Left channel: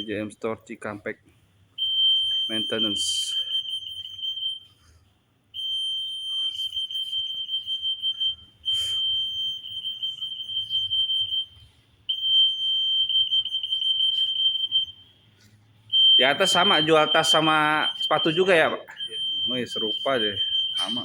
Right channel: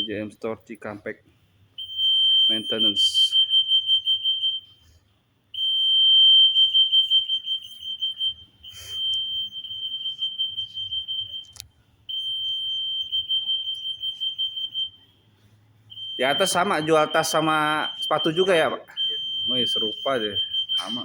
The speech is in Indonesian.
EJM Store Cikampek Maintenance. Di atas sama jual tas sama sepatu juga ya, Pak? Oh, iya, serupa deh, sama.